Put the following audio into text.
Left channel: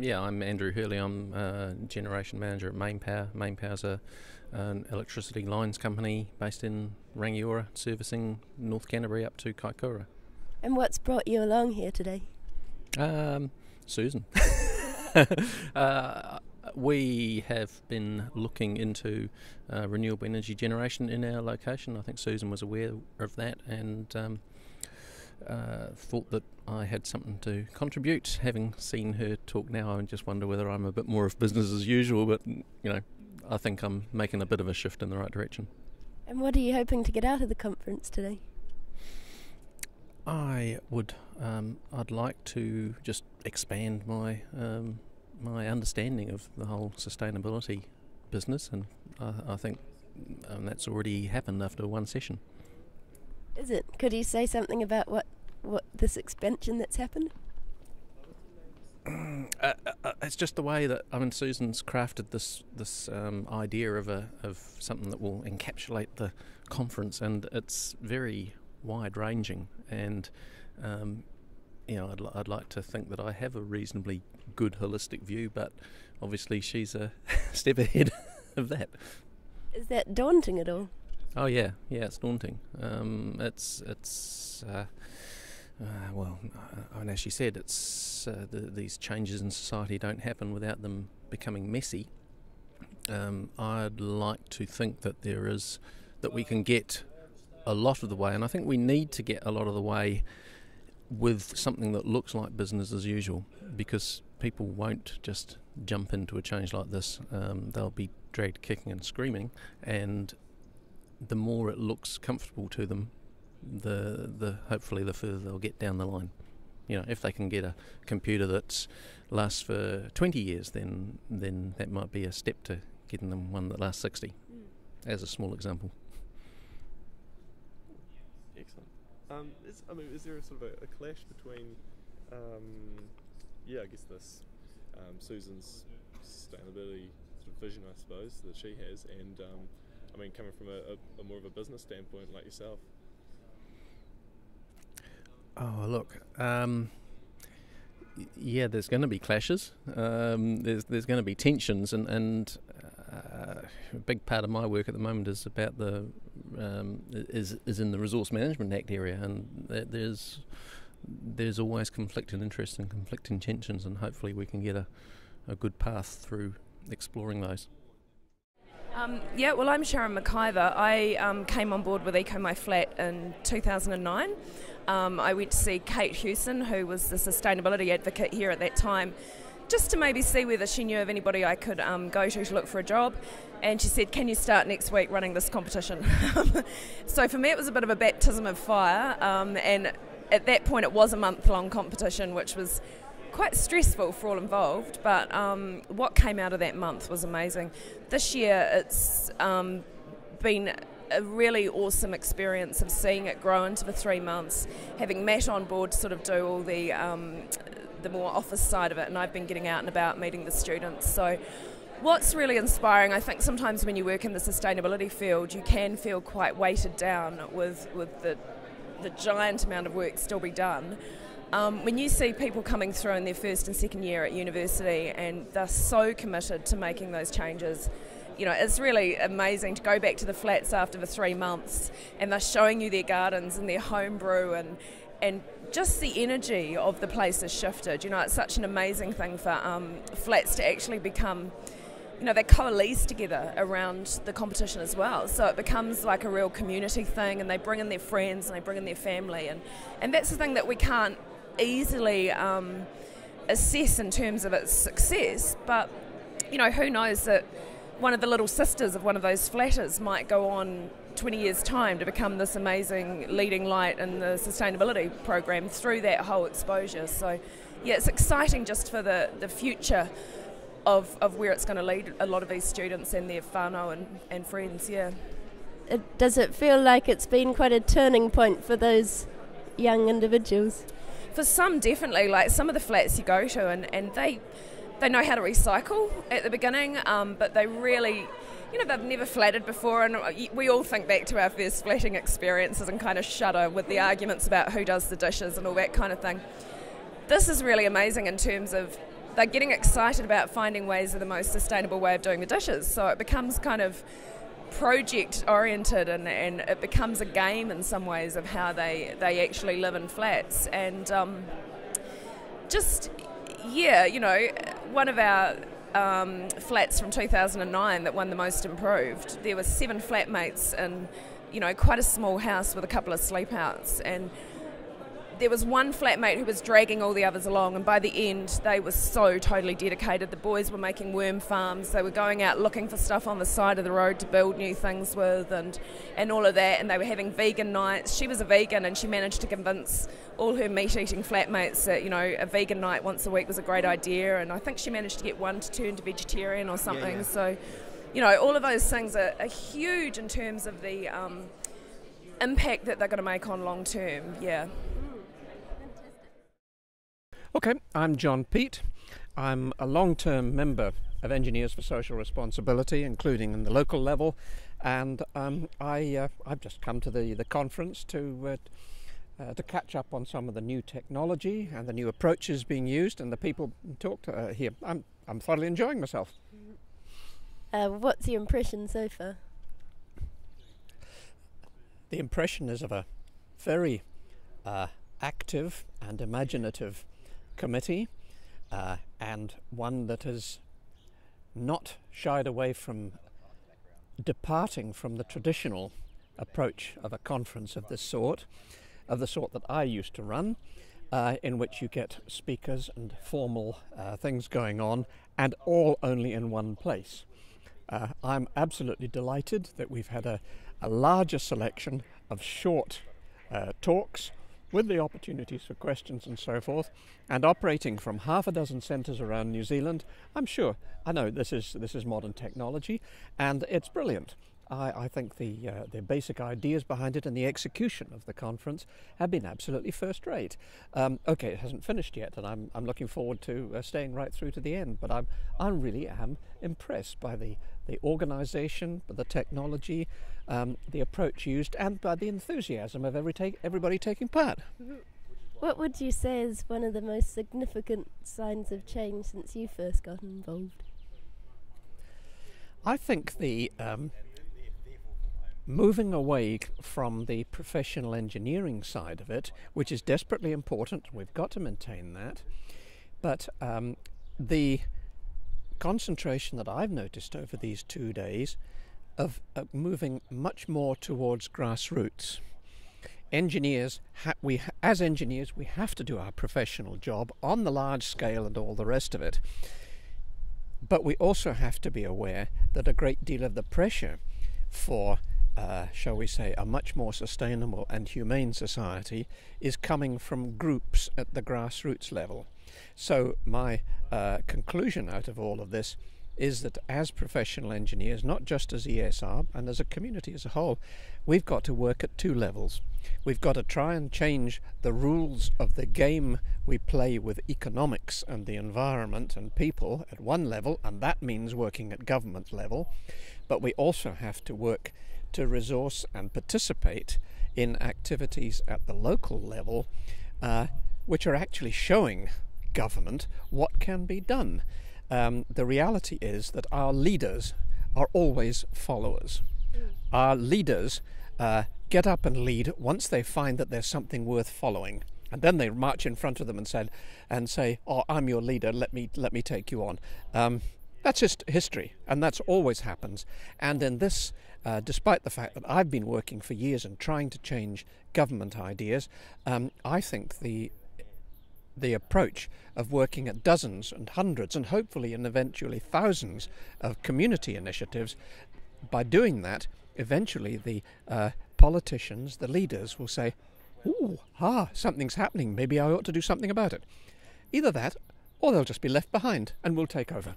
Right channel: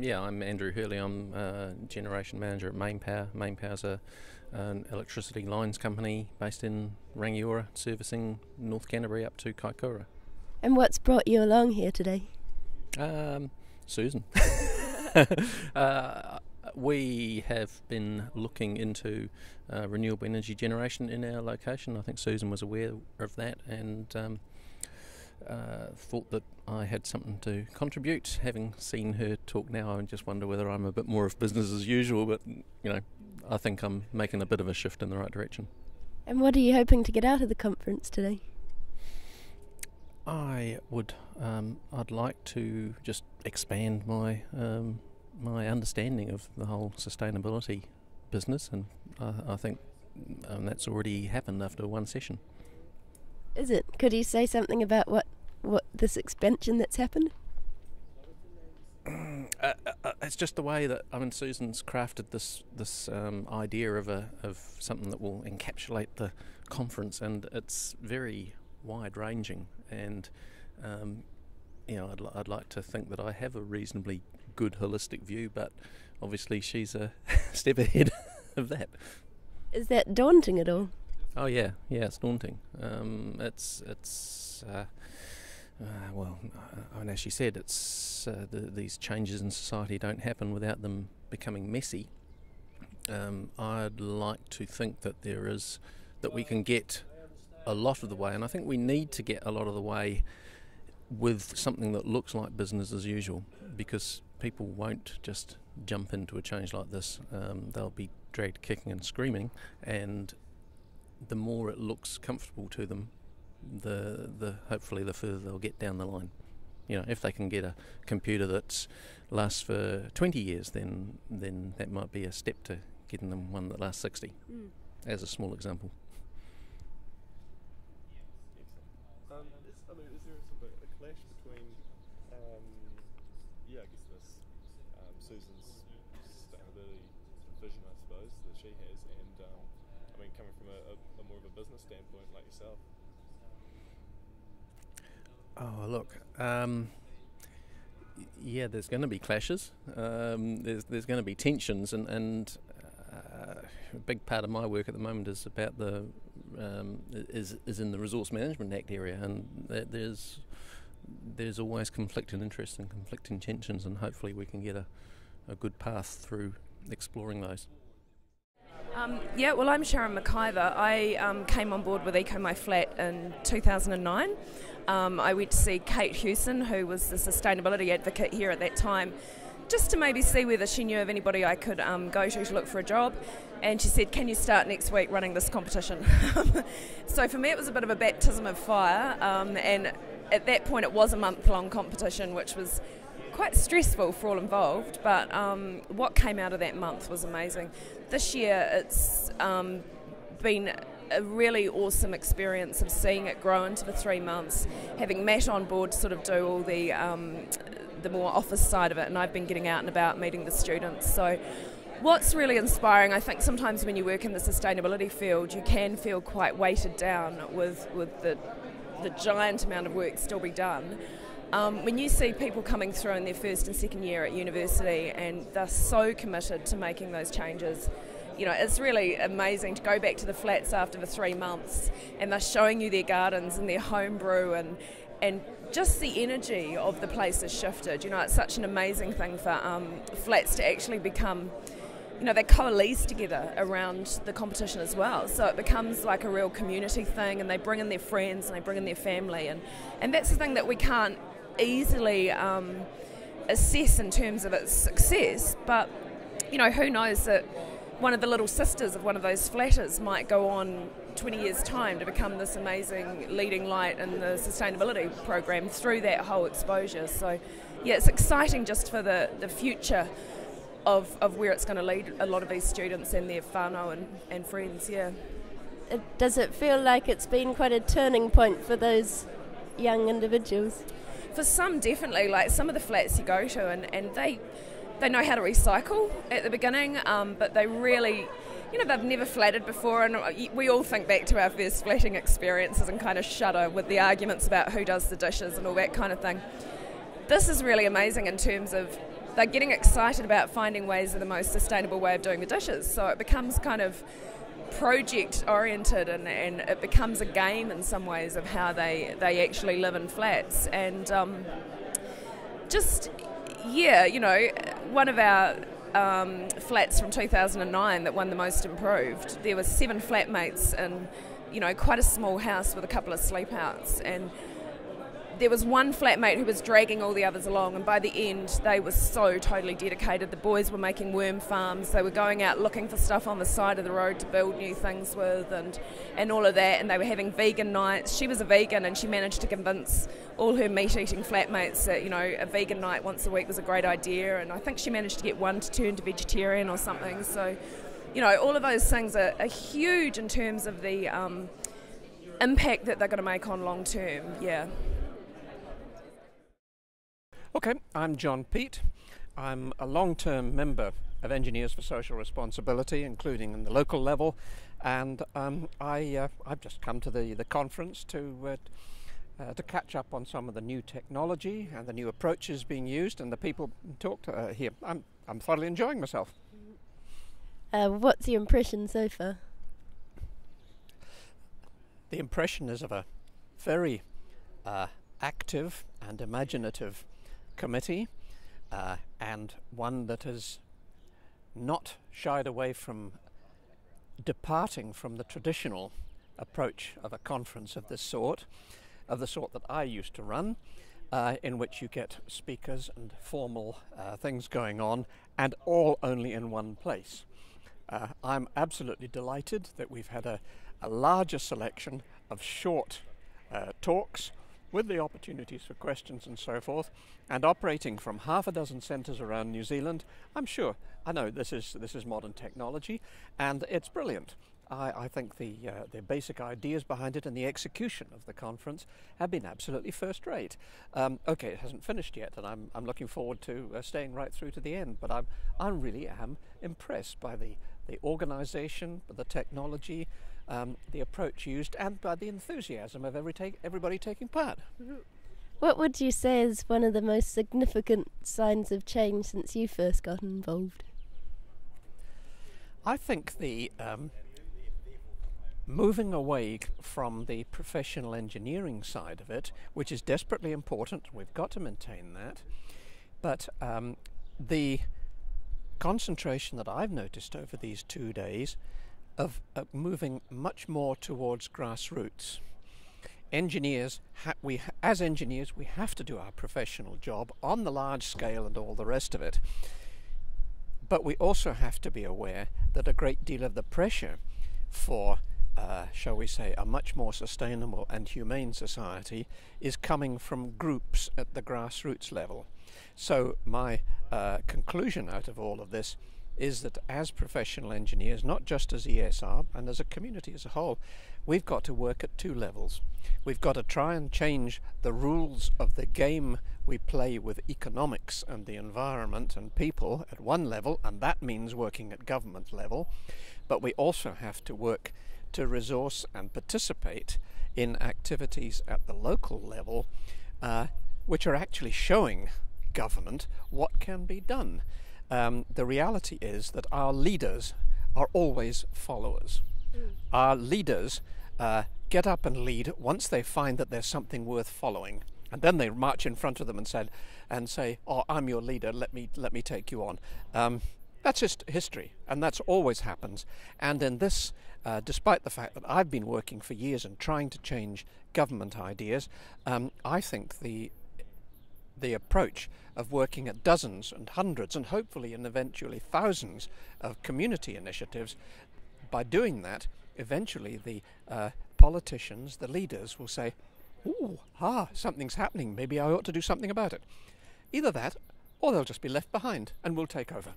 Yeah, I'm Andrew Hurley. I'm Generation Manager at Mainpower. Mainpower's an electricity lines company based in Rangiora, servicing North Canterbury up to Kaikoura. And what's brought you along here today? Susan. We have been looking into renewable energy generation in our location. I think Susan was aware of that and thought that I had something to contribute. Having seen her talk now, I just wonder whether I'm a bit more of business as usual, but I think I'm making a bit of a shift in the right direction. And what are you hoping to get out of the conference today? I'd like to just expand my my understanding of the whole sustainability business, and I think that's already happened after one session. Is it? Could you say something about what this expansion that's happened? It's just the way that Susan's crafted this idea of something that will encapsulate the conference, and it's very wide ranging. And I'd like to think that I have a reasonably good holistic view, but obviously she's a step ahead of that. Is that daunting at all? Oh yeah, it's daunting. As she said, it's these changes in society don't happen without them becoming messy. I'd like to think that that we can get a lot of the way, and I think we need to get a lot of the way with something that looks like business as usual, because people won't just jump into a change like this. They'll be dragged kicking and screaming, and the more it looks comfortable to them, the hopefully the further they'll get down the line. If they can get a computer that lasts for 20 years, then that might be a step to getting them one that lasts 60, as a small example. Excellent. Is there a sort of a clash between, this Susan's sustainability sort of vision, I suppose, that she has, and coming from a more of a business standpoint like yourself? Oh, look, there's going to be clashes. There's going to be tensions, and a big part of my work at the moment is about is in the Resource Management Act area, and there's always conflicting interests and conflicting tensions, and hopefully we can get a good path through exploring those. I'm Sharon McIver. I came on board with Eco My Flat in 2009. I went to see Kate Hewson, who was the sustainability advocate here at that time, just to maybe see whether she knew of anybody I could go to look for a job. And she said, "Can you start next week running this competition?" So for me it was a bit of a baptism of fire, and at that point it was a month-long competition, which was quite stressful for all involved, but what came out of that month was amazing. This year it's been a really awesome experience of seeing it grow into the 3 months, having Matt on board to sort of do all the more office side of it, and I've been getting out and about meeting the students. So what's really inspiring, I think sometimes when you work in the sustainability field you can feel quite weighted down with the giant amount of work still be done. When you see people coming through in their first and second year at university and they're so committed to making those changes, it's really amazing to go back to the flats after the 3 months and they're showing you their gardens and their home brew and just the energy of the place has shifted. It's such an amazing thing for flats to actually become, they coalesce together around the competition as well. So it becomes like a real community thing, and they bring in their friends and they bring in their family, and that's the thing that we can't easily assess in terms of its success. But who knows that one of the little sisters of one of those flatters might go on 20 years time to become this amazing leading light in the sustainability program through that whole exposure. So it's exciting just for the future of where it's going to lead a lot of these students and their whānau and friends. Does it feel like it's been quite a turning point for those young individuals? For some, definitely. Like some of the flats you go to, and they know how to recycle at the beginning, but they really they've never flatted before, and we all think back to our first flatting experiences and kind of shudder with the arguments about who does the dishes and all that kind of thing. This is really amazing in terms of they're getting excited about finding ways of the most sustainable way of doing the dishes. So it becomes kind of project oriented, and it becomes a game in some ways of how they actually live in flats. And one of our flats from 2009 that won the most improved, there were 7 flatmates in quite a small house with a couple of sleepouts, and there was one flatmate who was dragging all the others along, and by the end they were so totally dedicated. The boys were making worm farms, they were going out looking for stuff on the side of the road to build new things with, and all of that, and they were having vegan nights. She was a vegan, and she managed to convince all her meat-eating flatmates that a vegan night once a week was a great idea, and I think she managed to get one to turn to vegetarian or something. So all of those things are huge in terms of the impact that they're going to make on long term. Okay, I'm John Peet. I'm a long-term member of Engineers for Social Responsibility, including in the local level, and I've just come to the conference to catch up on some of the new technology and the new approaches being used, and the people talked here. I'm thoroughly enjoying myself. What's your impression so far? The impression is of a very active and imaginative committee, and one that has not shied away from departing from the traditional approach of a conference of this sort, of the sort that I used to run, in which you get speakers and formal things going on, and all only in one place. I'm absolutely delighted that we've had a larger selection of short talks with the opportunities for questions and so forth, and operating from half a dozen centres around New Zealand. I know this is modern technology, and it's brilliant. I think the basic ideas behind it and the execution of the conference have been absolutely first rate. Okay, it hasn't finished yet, and I'm looking forward to staying right through to the end, but I really am impressed by the organisation, by the technology, the approach used, and by the enthusiasm of everybody taking part. What would you say is one of the most significant signs of change since you first got involved? I think the moving away from the professional engineering side of it, which is desperately important, we've got to maintain that, but the concentration that I've noticed over these 2 days of moving much more towards grassroots. As engineers, we have to do our professional job on the large scale and all the rest of it, but we also have to be aware that a great deal of the pressure for shall we say, a much more sustainable and humane society is coming from groups at the grassroots level. So my conclusion out of all of this is that as professional engineers, not just as ESR, and as a community as a whole, we've got to work at 2 levels. We've got to try and change the rules of the game we play with economics and the environment and people at one level, and that means working at government level, but we also have to work to resource and participate in activities at the local level, which are actually showing government what can be done. The reality is that our leaders are always followers. Our leaders get up and lead once they find that there's something worth following, and then they march in front of them and say, "Oh, I'm your leader. Let me take you on." That's just history, and that's always happens. And in this, despite the fact that I've been working for years and trying to change government ideas, I think the approach of working at dozens and hundreds and hopefully and eventually thousands of community initiatives, by doing that, eventually the politicians, the leaders will say, "Ooh, something's happening, maybe I ought to do something about it." Either that, or they'll just be left behind and we'll take over.